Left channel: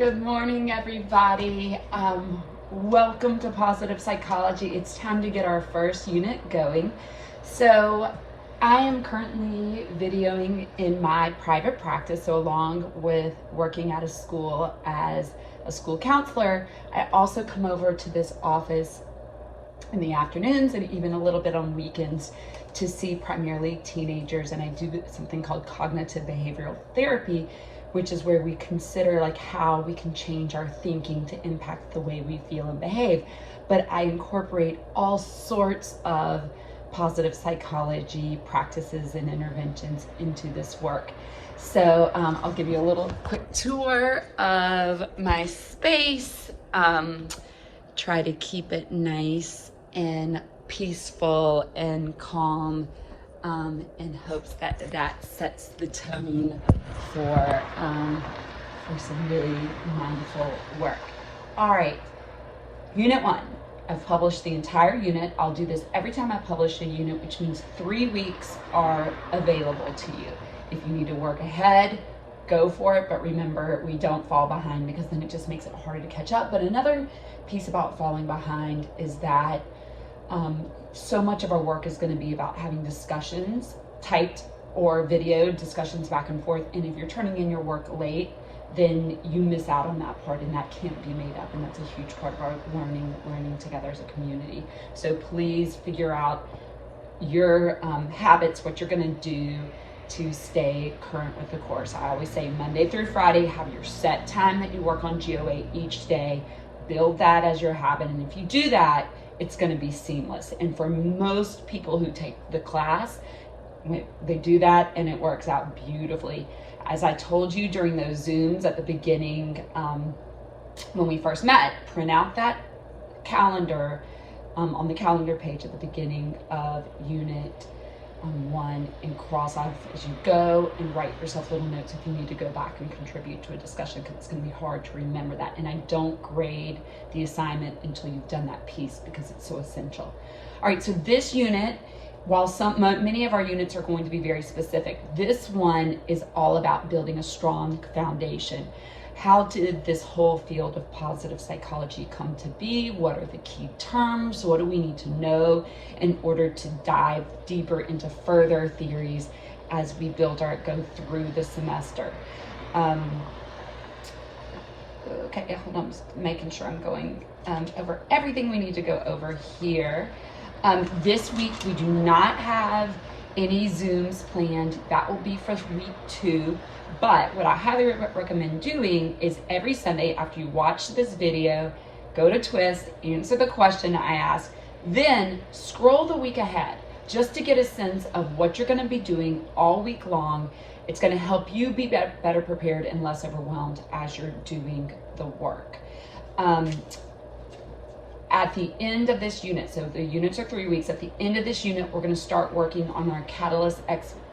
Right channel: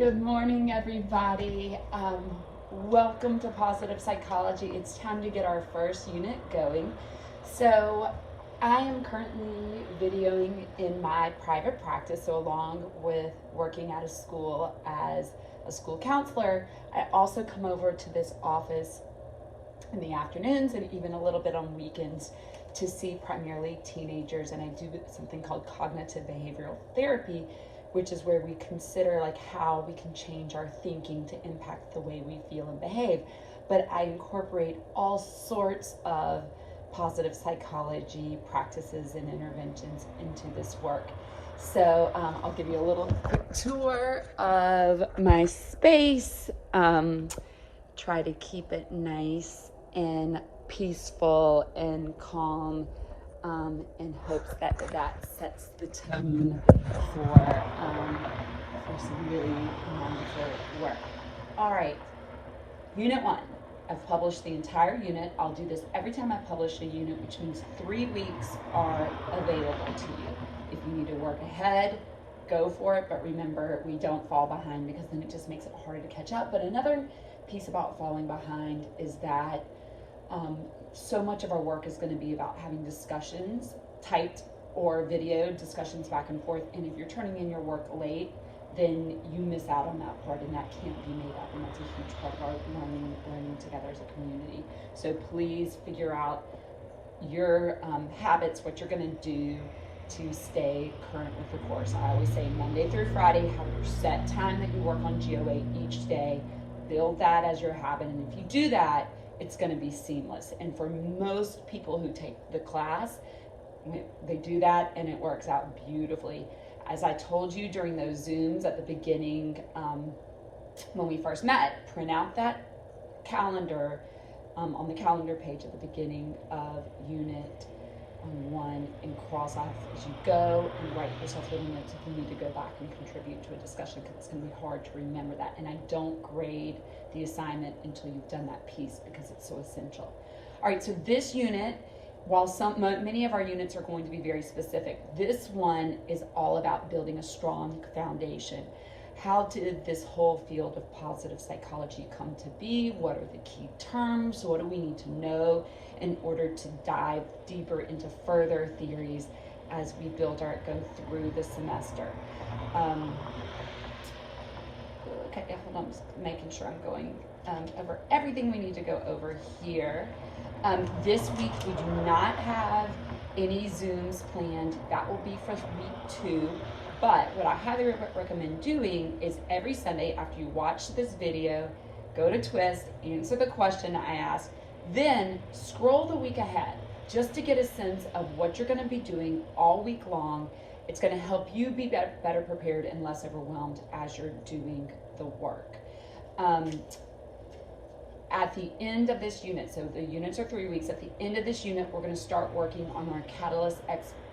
Good morning, everybody. Welcome to Positive Psychology. It's time to get our first unit going. So I am currently videoing in my private practice. So along with working at a school as a school counselor, I also come over to this office in the afternoons and even a little bit on weekends to see primarily teenagers. And I do something called cognitive behavioral therapy, which is where we consider like how we can change our thinking to impact the way we feel and behave. But I incorporate all sorts of positive psychology practices and interventions into this work. So I'll give you a little quick tour of my space. Try to keep it nice and peaceful and calm, in hopes that that sets the tone for some really mindful work. All right, Unit 1. I've published the entire unit. I'll do this every time I publish a unit, which means 3 weeks are available to you. If you need to work ahead, go for it, but remember, we don't fall behind because then it just makes it harder to catch up. But another piece about falling behind is that so much of our work is going to be about having discussions, typed or video discussions back and forth. And if you're turning in your work late, then you miss out on that part, and that can't be made up. And that's a huge part of our learning together as a community. So please figure out your habits, what you're going to do to stay current with the course. I always say Monday through Friday, have your set time that you work on GOA each day. Build that as your habit. And if you do that, it's going to be seamless. And for most people who take the class, they do that and it works out beautifully. As I told you during those Zooms at the beginning, when we first met, print out that calendar on the calendar page at the beginning of Unit 1 and cross off as you go, and write yourself little notes if you need to go back and contribute to a discussion, because it's going to be hard to remember that. And I don't grade the assignment until you've done that piece because it's so essential. All right, so this unit, while many of our units are going to be very specific, this one is all about building a strong foundation. How did this whole field of positive psychology come to be? What are the key terms? What do we need to know in order to dive deeper into further theories as we go through the semester? Okay, hold on, I'm just making sure I'm going over everything we need to go over here. This week we do not have any Zooms planned. That will be for week 2. But what I highly recommend doing is every Sunday after you watch this video, go to Twist, answer the question I ask, then scroll the week ahead just to get a sense of what you're going to be doing all week long. It's going to help you be better prepared and less overwhelmed as you're doing the work. At the end of this unit, so the units are 3 weeks, at the end of this unit, we're going to start working on our Catalyst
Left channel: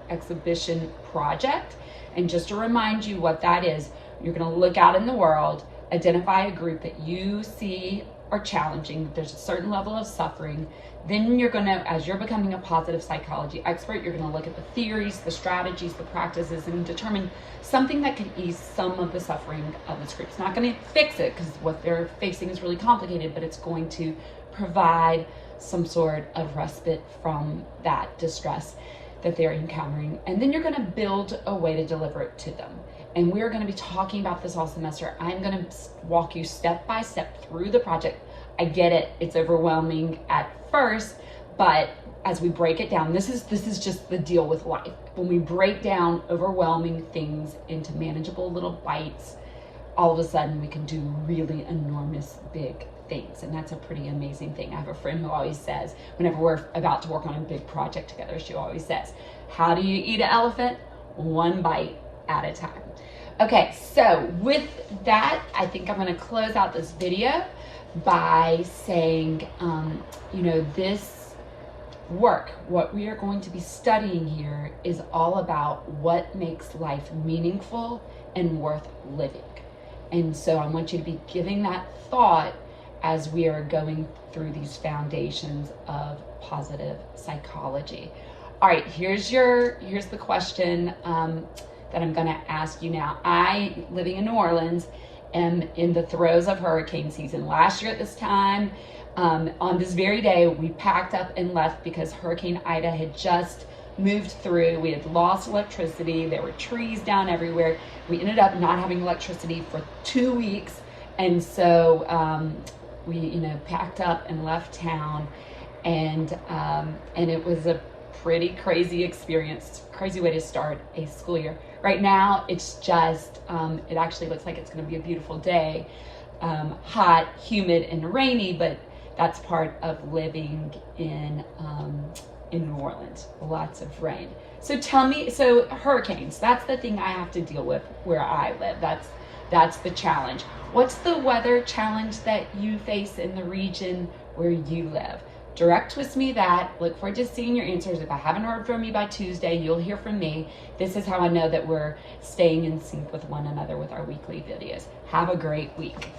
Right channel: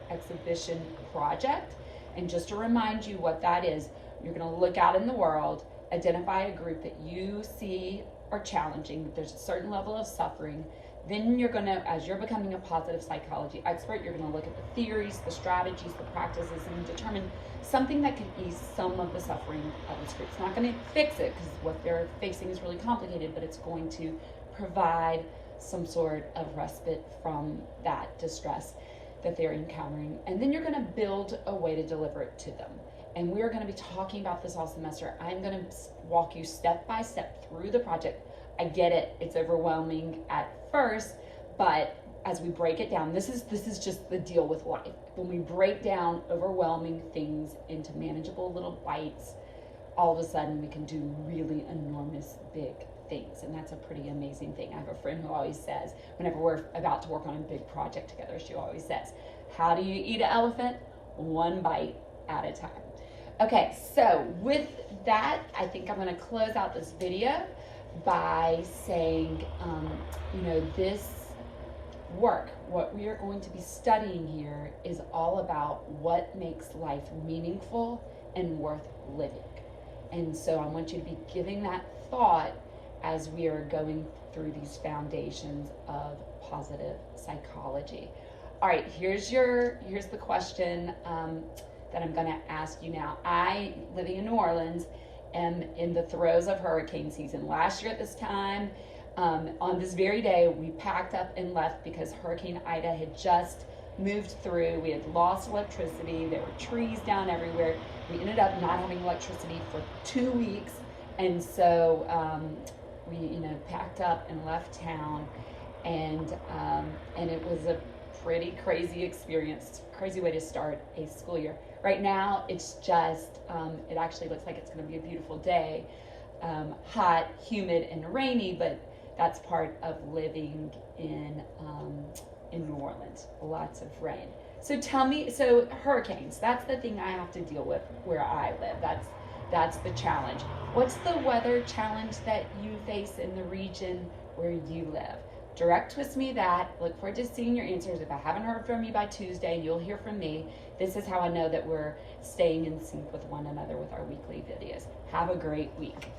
exhibition project. And just to remind you what that is, you're going to look out in the world, identify a group that you see are challenging, there's a certain level of suffering. Then you're going to, as you're becoming a positive psychology expert, you're going to look at the theories, the strategies, the practices, and determine something that can ease some of the suffering of this group. It's not going to fix it because what they're facing is really complicated, but it's going to provide some sort of respite from that distress that they're encountering. And then you're going to build a way to deliver it to them. And we're going to be talking about this all semester. I'm going to walk you step by step through the project. I get it, it's overwhelming at first, but as we break it down, this is just the deal with life. When we break down overwhelming things into manageable little bites, all of a sudden we can do really enormous big things. And that's a pretty amazing thing. I have a friend who always says, whenever we're about to work on a big project together, she always says, how do you eat an elephant? One bite at a time. Okay, so with that, I think I'm going to close out this video by saying, this work, what we are going to be studying here is all about what makes life meaningful and worth living. And so I want you to be giving that thought as we are going through these foundations of positive psychology. All right, here's the question that I'm going to ask you now. Living in New Orleans, am in the throes of hurricane season. Last year at this time, on this very day, we packed up and left because Hurricane Ida had just moved through. We had lost electricity. There were trees down everywhere. We ended up not having electricity for 2 weeks. And so we, packed up and left town, and it was a pretty crazy experience, crazy way to start a school year. Right now, it's just, it actually looks like it's going to be a beautiful day, hot, humid, and rainy, but that's part of living in New Orleans, lots of rain. So tell me, so hurricanes, that's the thing I have to deal with where I live. That's the challenge. What's the weather challenge that you face in the region where you live? Direct twist me that. Look forward to seeing your answers. If I haven't heard from you by Tuesday, you'll hear from me. This is how I know that we're staying in sync with one another with our weekly videos. Have a great week.